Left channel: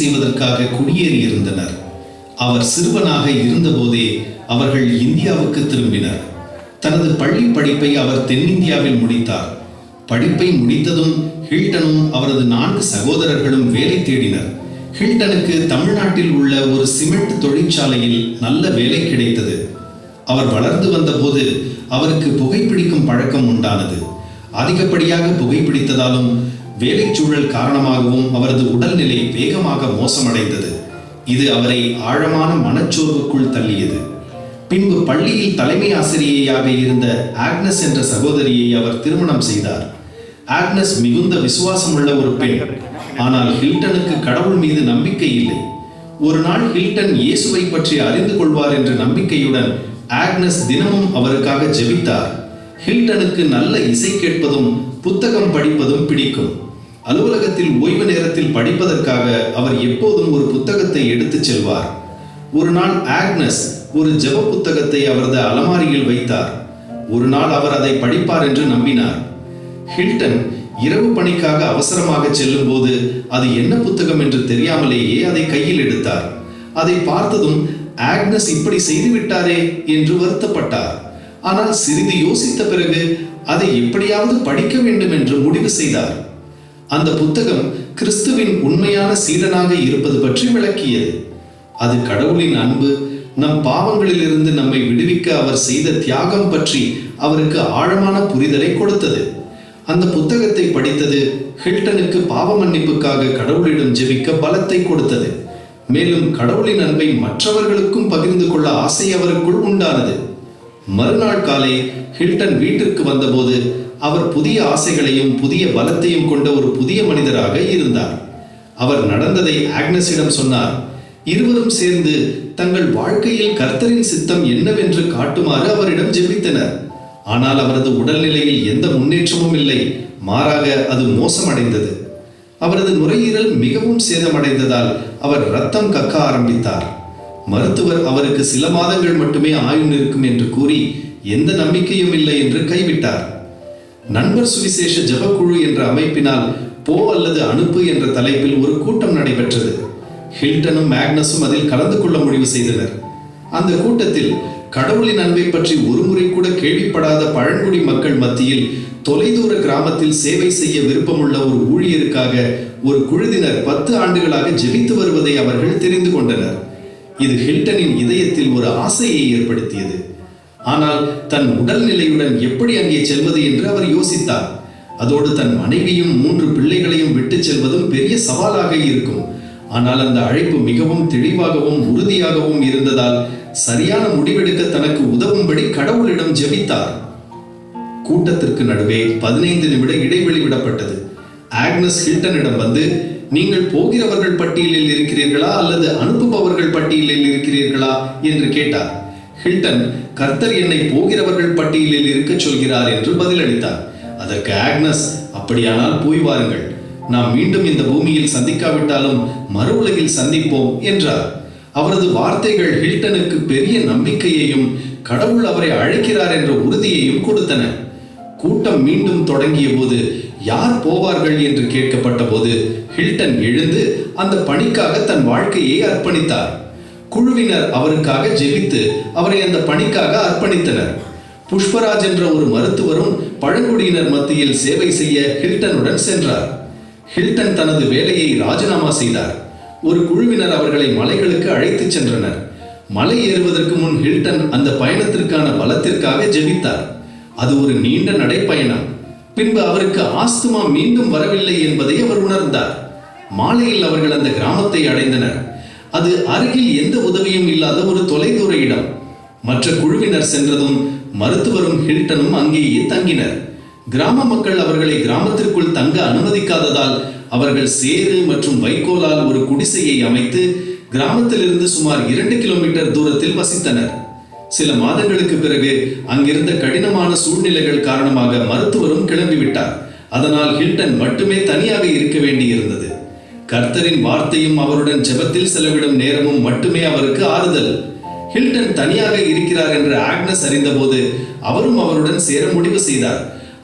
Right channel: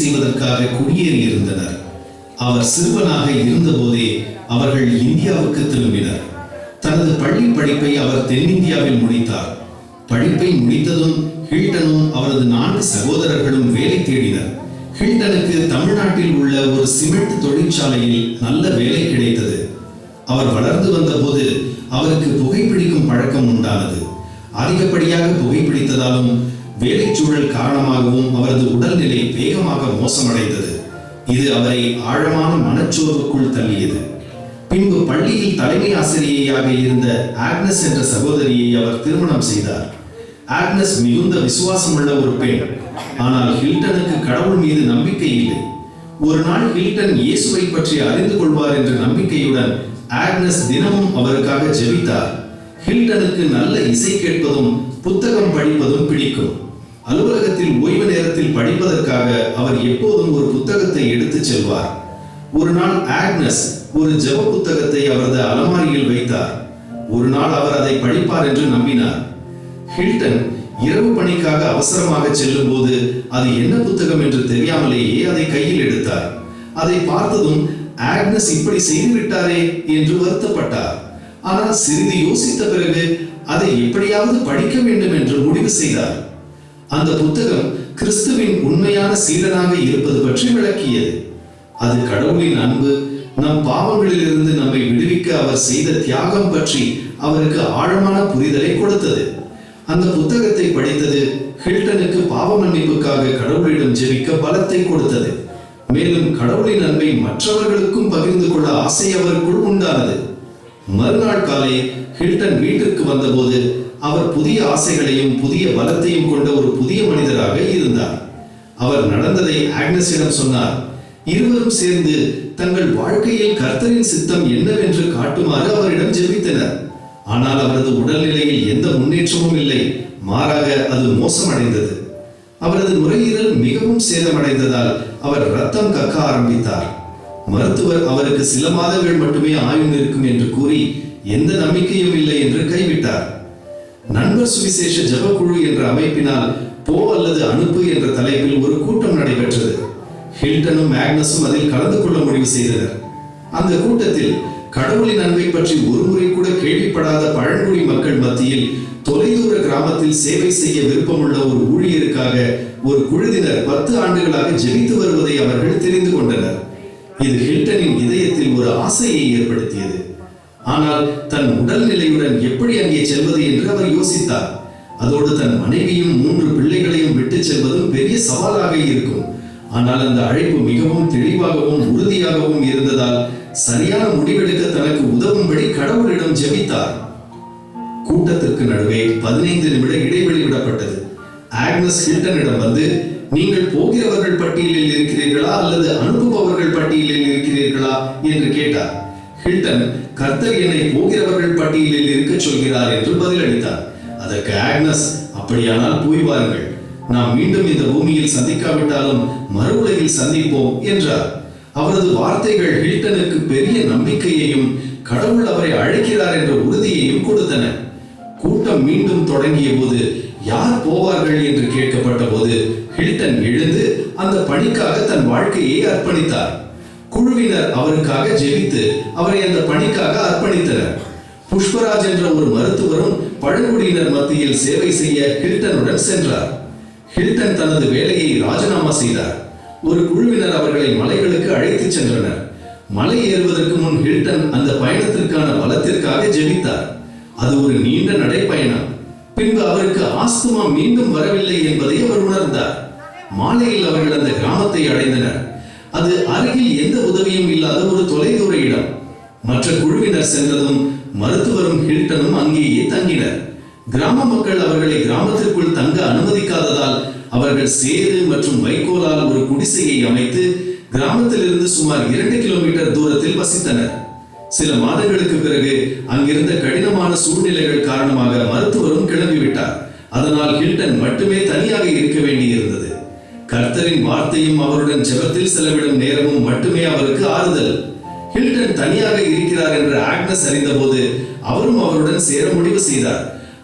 செய்வதற்காக குடியேறியிருந்தனர். அவர் சிறுவனாக இருந்தபோதே அவர்கள் இந்தியாவுக்கு திரும்பினர். தனது பள்ளி படிப்பை அவர் தென்னிந்தியாவில் முடித்தார். படிப்பை முடித்ததும் ஹில்டனும் அவரது 4 சகோதரர்களும் வேலை தேடினர். ஹில்டனுக்கு தமிழ்நாட்டில் உள்ள ஒரு சிமெண்ட் தொழிற்சாலையில் நல்ல வேலை கிடைத்தது. அவர் வளர்ந்து வந்தபோது அவருக்கு புகைப்பிடிக்கும் பழக்கம் உண்டானது. அதிகப்படியாக புகைப்பிடித்ததாலும் வேலைச்சூழல் காரணமாகவும் அவரது உடல்நிலை வேகமாக மோசமடைந்தது. இது அவரை ஆழமான மனச்சோர்வுக்குள் தள்ளியது. பின்பு பள்ளியில் தலைமை ஆசிரியையாக இருந்த ஆக்னஸ் என்ற சகோதரியை அவர் திருமணம் செய்தார். ஆக்னஸ் மிகுந்த விசுவாசமுள்ள ஒரு பெண். ஆனால் ஹில்டனுக்கு கடவுள் மீது நம்பிக்கை இல்லை. ஒரு நாள் ஹில்டன் இயேசுவை பற்றி அறிந்து கொள்வார் என்ற நம்பிக்கையுடன் ஆக்னஸ் தினமும் அவருக்காக ஜெபித்தார். ஹில்டனுக்கு நல்ல இசை கேட்பதும் புத்தகம் படிப்பதும் பிடிக்கும். அலுவலகத்தில் ஓய்வு நேரத்தில் படிப்பதற்காக அவர் எப்போதும் ஒரு புத்தகத்தை எடுத்துச் செல்வார். ஒரு நாள் ஆக்னஸ் ஒரு ஜெப புத்தகத்தை அவரது அலமாரியில் வைத்தார். ஒரு நாள் அவர் அதை படிப்பார் என்று நம்பினார். ஹில்டன் இரவு பணிக்காக அவசரமாக செல்லும் போது அது என்ன புத்தகம் என்று தெரியாமலேயே அதை கையில் எடுத்தார். அதை பார்த்ததும் ஆக்னஸ் இப்படி செய்துவிட்டாரே என்று வருத்தப்பட்டார். ஆனால் சிறிது யோசித்த பிறகு அதை எப்படியாவது படிக்க வேண்டும் என்று முடிவு செய்தார். அந்த புத்தகம் கிறிஸ்துவின் உண்மையான சீடனாக இருப்பது பற்றி விளக்கியது. அது கடவுளின் அன்பு, நம் பாவங்களிலிருந்து நம்மை விடுவிக்க அவர் செய்த தியாகம் பற்றி அவருக்கு ஆழமான புரிதலை கொடுத்தது. அந்த புத்தகத்தை படித்தது ஹில்டனுக்கு பாவ மன்னிப்புக்காக கடவுளிடம் ஜெபிக்க பலத்தை கொடுத்தது. மேலும் கடவுளின் அன்பை மற்றவர்களுக்கும் பகிர்ந்து கொள்ள ஆசை அவருக்குள் உண்டானது. மறுநாள் காலை ஹில்டன் வீட்டிற்கு வந்தபோது அவர் புதிய ஆசைகளையும் புதிய பலத்தையும் கொண்ட ஒரு புதிய மனிதராக இருந்தார். அவர் நடந்ததை ஆக்னஸிடம் சொன்னார். இருவரும் சேர்ந்து தங்கள் வாழ்க்கையில் கர்த்தரின் சித்தம் என்னவென்று காட்டுமாறு அவரிடம் ஜெபித்தனர். ஆனால் அவரது உடல்நிலையில் எந்த முன்னேற்றமும் இல்லை. மாறாக அது மோசமடைந்தது. அவரது நுரையீரல் மிகவும் சேதமடைந்ததால் அவர் இரத்தம் கக்க ஆரம்பித்தார். மருத்துவர் அவருக்கு சில மாதங்கள் மட்டுமே ஆயுள் இருக்கும் என்று கூறி எந்த நம்பிக்கையும் இல்லை என்று கைவிட்டார். நண்பர் சுவிசேஷ ஜெபக்குழு என்ற அமைப்பினால் போ அல்லது அனுப்பு என்ற தலைப்பில் ஒரு கூட்டம் நடைபெற்றது. ஹில்டனும் ஆக்னஸும் அதில் கலந்து கொள்ள முடிவு செய்தனர். அந்த கூட்டத்தில் கடவுளின் அன்பை பற்றி ஒருமுறை கூட கேள்விப்படாத பழங்குடி மக்கள் மத்தியில் தொலைதூர கிராமத்தில் சேவை செய்ய விருப்பமுள்ள ஒரு ஊழியருக்காக ஒரு குழுவினர் 10 ஆண்டுகளாக ஜெபித்து வருவதை அவர்கள் தெரிந்து கொண்டனர். இது ஹில்டனின் இதயத்தில் ஒரு ஆசையை ஏற்படுத்தியது. ஆனால் தன் உடல்நிலையுடன் எப்படி அங்கே செல்வது என்று அவர் யோசித்தார். அதோடு தன் மனைவியும் 3 பிள்ளைகளையும் விட்டு செல்வதும் பெரிய சவாலாக இருக்கும். ஆனால் அந்த அழைப்பு மிகவும் தெளிவாகவும் உறுதியாகவும் இருந்ததால் சரியான முடிவெடுக்க தனக்கு உதவும்படி கடவுளிடம் ஜெபித்தார். கூட்டத்திற்கு நடுவே 15 நிமிட இடைவெளி விடப்பட்டது. ஆக்னஸ் ஹில்டனிடம் வந்து, நீங்கள் போகிறவர்கள் பட்டியலில் இருக்கிறீர்களா அல்லது அனுப்புபவர்கள் பட்டியலில் இருக்கிறீர்களா என்று கேட்டார். ஹில்டன், கர்த்தர் என்னை போகிறவர்கள் பட்டியலில் இருக்க சொல்கிறார் என்று பதிலளித்தார். அதற்கு ஆக்னஸ், அப்படியானால் போய் வாருங்கள். நாம் மீண்டும் இந்த பூமியில் சந்திக்காவிட்டாலும் மறு உலகில் சந்திப்போம் என்றார். அவரது வார்த்தைகள் ஹில்டனுக்கு பெரிய நம்பிக்கையையும் கடவுள் அவரை அழைக்கிறார் என்ற உறுதியையும் கொடுத்தன. கூட்டம் மீண்டும் தொடங்கிய போது யார் போவார்கள் என்று கேட்கப்பட்ட போது ஹில்டன் எழுந்து அந்த பணிக்காக தன் வாழ்க்கையை அர்ப்பணித்தார். குழுவினர் அவருக்காக ஜெபித்து அவரை அந்த பணிக்காக அர்ப்பணித்தனர். புஷ்பராஜ் என்ற ஒரு மருத்துவரும் பழங்குடியினர் மத்தியில் சேவை செய்ய ஹில்டனுடன் சென்றார். ஹில்டன் தனது வேலையை ராஜினாமா செய்தார். ஒரு குழுவினர் அவர்களை மலைகளுக்கு அழைத்துச் சென்றனர். மலை ஏறுவதற்கு முன் ஹில்டன் அந்த பயணத்திற்கான பலத்திற்காக ஜெபித்தார். அது ஒரு நீண்ட நடைப்பயணம். பின்பு அவருக்கு ஆஸ்துமா மீண்டும் வரவில்லை என்பதை அவர் உணர்ந்தார். மாலையில் அவர்கள் அந்த கிராமத்தை அடைந்தனர். அது அருகில் எந்த உதவியும் இல்லாத ஒரு தொலைதூர இடம். மற்ற குழுவினர் சென்றதும் மருத்துவரும் ஹில்டனும் அங்கேயே தங்கினர். கிராம மக்கள் அவர்களை கிராமத்திற்குள் தங்க அனுமதிக்காததால் அவர்கள் சேறு மற்றும் வைக்கோலால் ஒரு குடிசையை அமைத்து கிராமத்திலிருந்து சுமார் 2 கிலோமீட்டர் தூரத்தில் வசித்தனர். சில மாதங்களுக்கு பிறகு அங்கிருந்த கடினமான சூழ்நிலைகள் காரணமாக மருத்துவரும் கிளம்பிவிட்டார். அதனால் ஹில்டன் மட்டுமே தனியாக இருக்க வேண்டியிருந்தது. கர்த்தரின் வார்த்தையும் அவருடன் ஜெபத்தில் செலவிடும் நேரமும் மட்டுமே அவருக்கு ஆறுதல். ஹில்டன் தனியாக இருக்கிறார் என்று ஆக்னஸ் அறிந்தபோது அவரும் அவருடன் சேர முடிவு செய்தார்.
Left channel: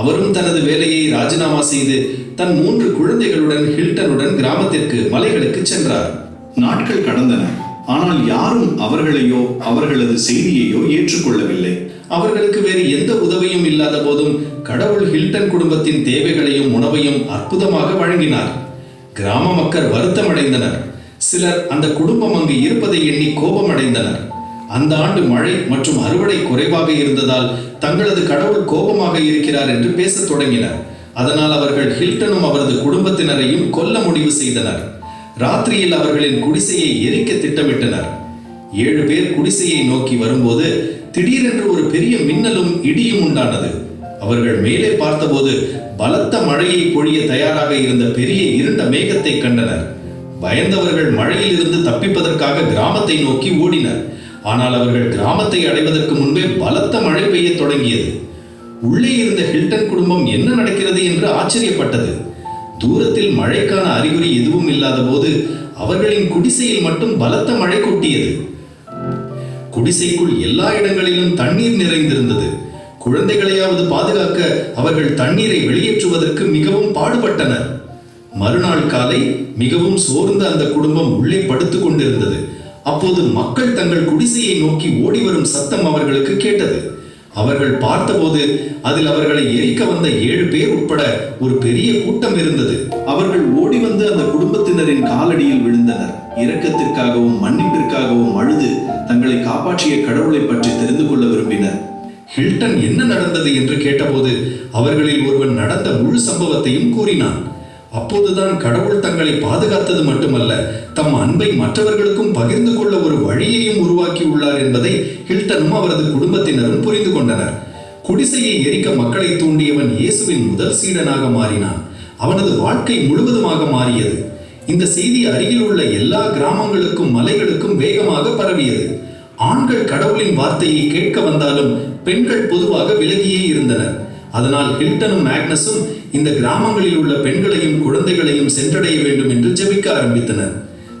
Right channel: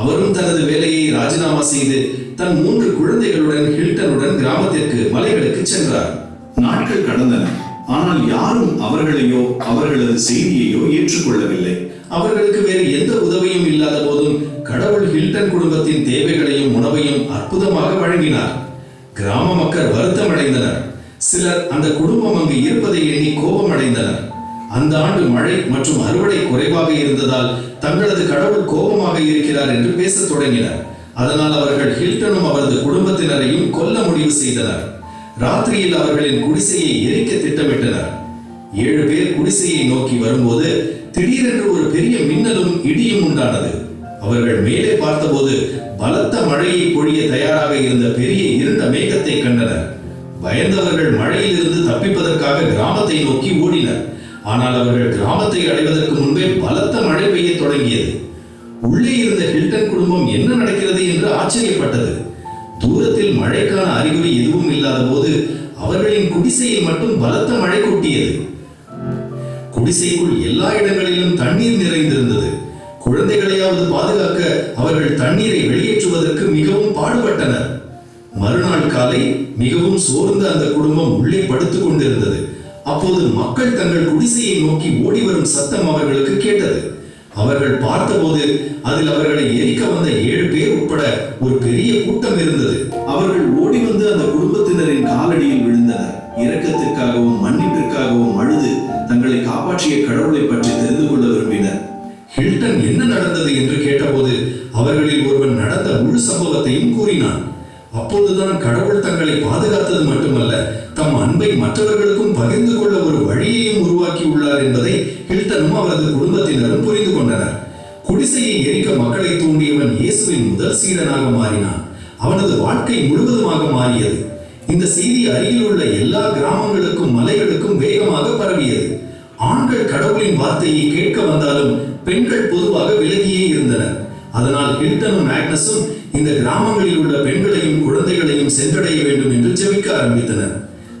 அவரும் தனது வேலையை ராஜினாமா செய்து தன் 3 குழந்தைகளுடன் ஹில்டனுடன் கிராமத்திற்கு மலைகளுக்கு சென்றார். நாட்கள் கடந்தன. ஆனால் யாரும் அவர்களையோ அவர்களது செய்தியையோ ஏற்றுக்கொள்ளவில்லை. அவர்களுக்கு வேறு எந்த உதவியும் இல்லாத போதும் கடவுள் ஹில்டன் குடும்பத்தின் தேவைகளையும் உணவையும் அற்புதமாக வழங்கினார். கிராம மக்கள் வருத்தமடைந்தனர். சிலர் அந்த குடும்பம் அங்கு இருப்பதை எண்ணி கோபமடைந்தனர். அந்த ஆண்டு மழை மற்றும் அறுவடை குறைவாக இருந்ததால் தங்களது கடவுள் கோபமாக இருக்கிறார் என்று பேசத் தொடங்கினர். அதனால் அவர்கள் ஹில்டனும் அவரது குடும்பத்தினரையும் கொல்ல முடிவு செய்தனர். ராத்திரியில் அவர்களின் குடிசையை எரிக்க திட்டமிட்டனர். 7 பேர் குடிசையை நோக்கி வரும்போது திடீரென்று ஒரு பெரிய மின்னலும் இடியும் உண்டானது. அவர்கள் மேலே பார்த்தபோது பலத்த மழையை பொழிய தயாராக இருந்த பெரிய இருண்ட மேகத்தை கண்டனர். பயந்தவர்கள் மழையில் இருந்து தப்பிப்பதற்காக கிராமத்தை நோக்கி ஓடினர். ஆனால் அவர்கள் கிராமத்தை அடைவதற்கு முன்பே பலத்த மழை பெய்ய தொடங்கியது. உள்ளே இருந்த ஹில்டன் குடும்பம் என்ன நடக்கிறது என்று ஆச்சரியப்பட்டது. தூரத்தில் மழைக்கான அறிகுறி எதுவும் இல்லாத போது அவர்களின் குடிசையில் மட்டும் பலத்த மழை கொட்டியது. குடிசைக்குள் எல்லா இடங்களிலும் தண்ணீர் நிறைந்திருந்தது. குழந்தைகளையாவது பாதுகாக்க அவர்கள் தண்ணீரை வெளியேற்றுவதற்கு மிகவும் பாடுபட்டனர். மறுநாள் காலை மிகவும் சோர்ந்த அந்த குடும்பம் உள்ளே படுத்துக் கொண்டிருந்தது. அப்போது மக்கள் தங்கள் குடிசையை நோக்கி ஓடி வரும் சத்தம் அவர்களுக்கு கேட்டது. அவர்கள் பார்த்தபோது அதில் அவர்களை எரிக்க வந்த 7 பேர் உட்பட ஒரு பெரிய கூட்டம் இருந்தது. அவர்கள் ஓடி வந்து அந்த குடும்பத்தினரின் காலடியில் விழுந்தனர். இரக்கத்திற்காகவும் மன்னிப்பிற்காகவும் அழுது தங்களை காப்பாற்றிய கடவுளை பற்றி தெரிந்து கொள்ள விரும்பினர். ஹில்டன் என்ன நடந்தது என்று கேட்டபோது அவர்களில் ஒருவன் நடந்த முழு சம்பவத்தையும் கூறினான். அப்போதுதான் கடவுள் தங்களை பாதுகாத்தது மட்டுமல்ல, தம் அன்பை மற்றவர்களுக்கும் பகிர்ந்து கொள்ள ஒரு வழியையும் உருவாக்கி உள்ளார் என்பதை ஹில்டனும் அவரது குடும்பத்தினரும் புரிந்து கொண்டனர். குடிசையை எரிக்க மக்களை தூண்டியவன் இயேசுவின் முதல் சீடனாக மாறினான். அவனது வாழ்க்கை முழுவதுமாக மாறியது. இந்த செய்தி அருகில் உள்ள எல்லா கிராமங்களுக்கும் மலைகளுக்கும் வேகமாக பரவியது. ஆண்கள் கடவுளின் வார்த்தையை கேட்க வந்தாலும் பெண்கள் பொதுவாக விலகியே இருந்தனர். அதனால் ஹில்டனும் ஆக்னஸும் இந்த கிராமங்களில் உள்ள பெண்களையும் குழந்தைகளையும் சென்றடைய வேண்டும் என்று ஜெபிக்க ஆரம்பித்தனர்.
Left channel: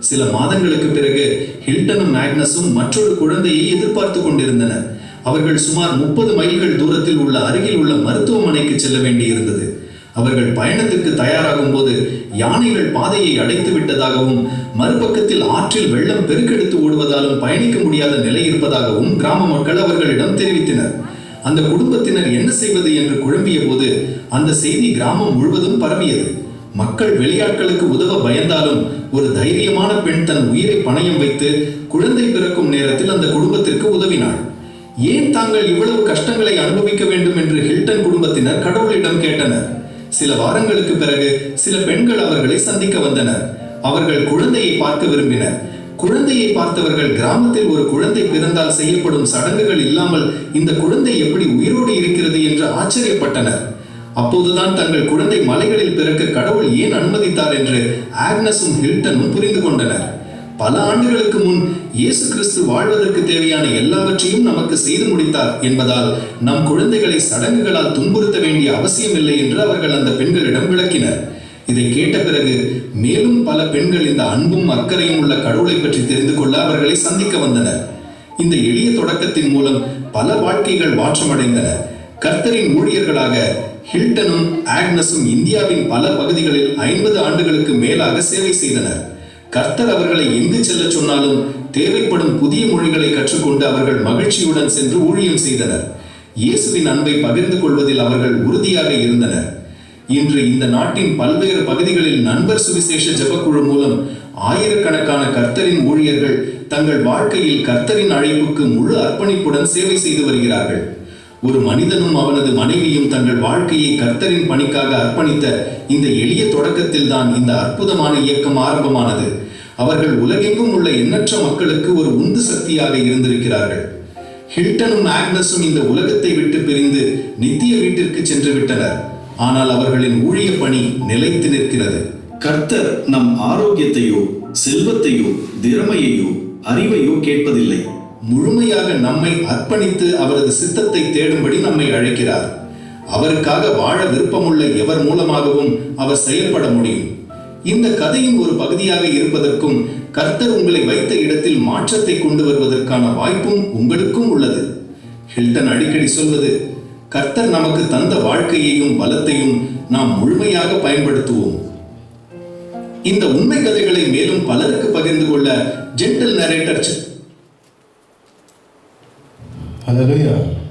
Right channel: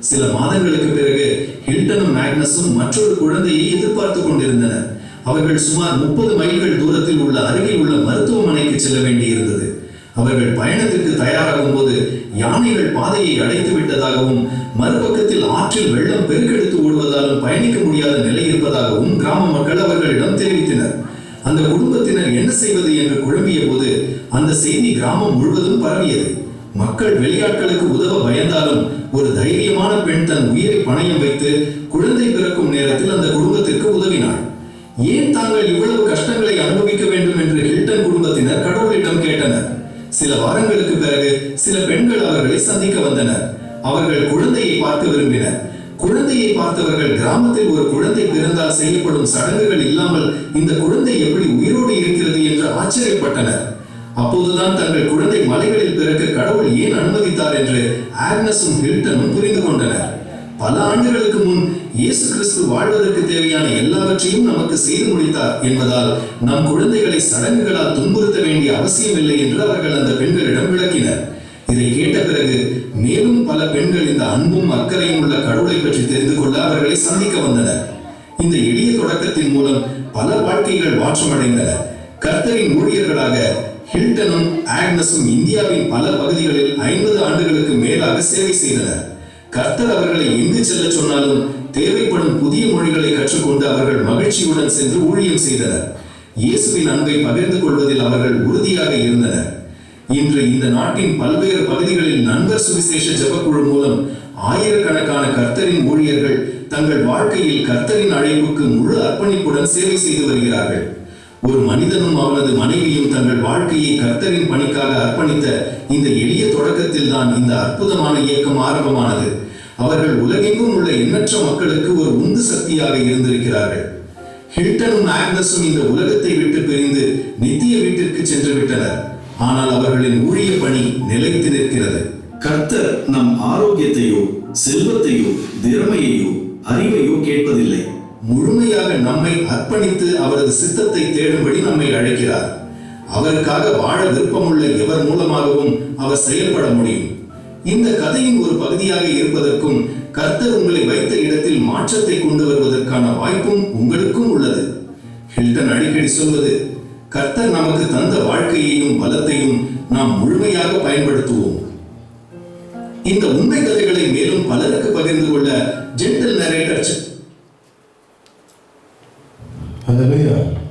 சில மாதங்களுக்கு பிறகு ஹில்டனும் ஆக்னஸும் மற்றொரு குழந்தையை எதிர்பார்த்து கொண்டிருந்தனர். அவர்கள் சுமார் 30 மைல்கள் தூரத்தில் உள்ள அருகில் உள்ள மருத்துவமனைக்கு செல்ல வேண்டியிருந்தது. அவர்கள் பயணத்திற்கு தயாராகும் போது யானைகள் பாதையை அடைத்து விட்டதாகவும் மறுபக்கத்தில் ஆற்றில் வெள்ளம் பெருக்கெடுத்து ஓடுவதாலும் பயணிக்க முடியாத நிலை இருப்பதாகவும் கிராம மக்கள் அவர்களிடம் தெரிவித்தனர். அந்த குடும்பத்தினர் என்ன செய்வது என்று குழம்பிய போது அந்த செய்தி கிராமம் முழுவதும் பரவியது. மக்கள் வெளியாட்களுக்கு உதவ பயந்தாலும் ஒரு தைரியமான பெண் தன் உயிரை பணயம் வைத்து குழந்தை பிறக்கும் நேரத்தில் அந்த குடும்பத்திற்கு உதவினாள். ஏன் தாங்கள் இவ்வளவு கஷ்டங்களை அனுபவிக்க வேண்டும் என்று ஹில்டன் குடும்பத்தினர் கடவுளிடம் கேட்டனர். சில வாரங்களுக்கு பிறகு சில பெண்கள் அவர்களை சந்திக்க வந்தனர். அவர்கள் குழந்தையை பார்க்க விரும்பினர். குழந்தையை பார்த்தவர்கள் கிராமத்தில் ஒரு குழந்தை பிறந்தால் செய்யப்படும் சடங்குகள் இல்லாமல் இந்த குழந்தை எப்படி உயிரோடு இருக்கிறது என்று ஆச்சரியப்பட்டனர். அப்போதுதான் தங்கள் குழந்தை மலைகளில் பிறக்க கடவுள் ஏன் அனுமதித்தார் என்று ஆக்னஸும் ஹில்டனும் புரிந்து கொண்டனர். பல ஆண்டுகளுக்கு முன் இயேசு கிறிஸ்து வாழ்வதற்கு தேவையான எல்லாவற்றையும் நமக்கு செய்து முடித்தார் என்பதால் நம் குழந்தைகளை சடங்குகளால் துன்புறுத்த வேண்டிய அவசியம் இல்லை என்று அவர்கள் அந்த பெண்களிடம் விளக்கினர். இதை கேட்ட பிறகு மேலும் பல பெண்கள் இந்த அன்பும் அக்கறையும் உள்ள கடவுளை பற்றி தெரிந்து கொள்ள அவர்களை சந்திக்க வந்தனர். இந்த எளிய தொடக்கத்தின் மூலம் பல வாழ்க்கைகள் மாற்றமடைந்தன. கர்த்தரின் ஊழியர்களாக ஹில்டனும் ஆக்னஸும் இந்தியாவின் பல பகுதிகளில் 50 ஆண்டுகளுக்கு மேலாக சேவை செய்தனர். கர்த்தர் அவர்களை எங்கு செல்ல சொன்னாலும் தேவைப்படும் புதிய மொழிகளை கற்றுக்கொண்டு அவர்கள் மகிழ்ச்சியுடன் சென்று ஊழியம் செய்தனர். இயேசுவின் அன்பை பகிர்ந்து கொள்வதில் அவர்கள் உறுதியாக இருந்தனர். இன்று இந்த நாட்டின் பல்வேறு பகுதிகளில் நண்பர் சுவிசேஷ ஜெபக்குழு மூலம் ஆயிரக்கணக்கான கர்த்தரின் ஊழியர்கள் தங்கள் வாழ்க்கையில் கர்த்தரின் அழைப்புக்கு முழு அர்ப்பணிப்புடன் சேவை செய்து வருகிறார்கள். ஒரு மனிதனும் அவனது மனைவியும் தங்கள் வாழ்க்கையை கர்த்தரின் பணிக்காக அர்ப்பணித்த இந்த எளிய தொடக்கத்தில் தான் இந்த அற்புதமான இயக்கம் ஆரம்பமானது. அவர்கள் உலகெங்கும் உள்ள எண்ணற்ற மக்களுக்கு ஒரு உந்து சக்தியாக இருந்திருக்கிறார்கள். ஹில்டனும் ஆக்னஸும் இந்த உலகத்தை விட்டு பிரிந்து நித்திய வீட்டிற்கு சென்று விட்டனர். ஆனால் அவர்களின் ஊழிய பணி நிலைத்து நிற்கிறது. கர்த்தர் நம் ஆரோக்கியத்தையோ செல்வத்தையோ திறமையையோ அறிவையோ கேட்பதில்லை. முழுமையாக நம்மை அர்ப்பணித்து அவரது சித்தத்தை தேடும்படி நம்மை அழைக்கிறார். அவருக்காக வாழ விருப்பமுள்ள எவர் மூலமாகவும் அவர் செயல்பட முடியும். இந்த கதையின் ஒரு பகுதியாக இருப்பதற்கும் கர்த்தர் உங்களை வைத்த இடத்தில் மாற்றத்தை கொண்டு வருவதற்கான வாய்ப்பும் உங்களுக்கும் உள்ளது. ஹில்டன் அடிக்கடி சொல்வது, கர்த்தர் நமக்கு தந்த வாழ்க்கையையும் பலத்தையும் நாம் முழுமையாக பயன்படுத்துவோம். இந்த உண்மை கதைகளை மேலும் பலருக்கு பகிர்ந்து கொள்ள ஜென்டில் நரேட்டர் Hallelujah.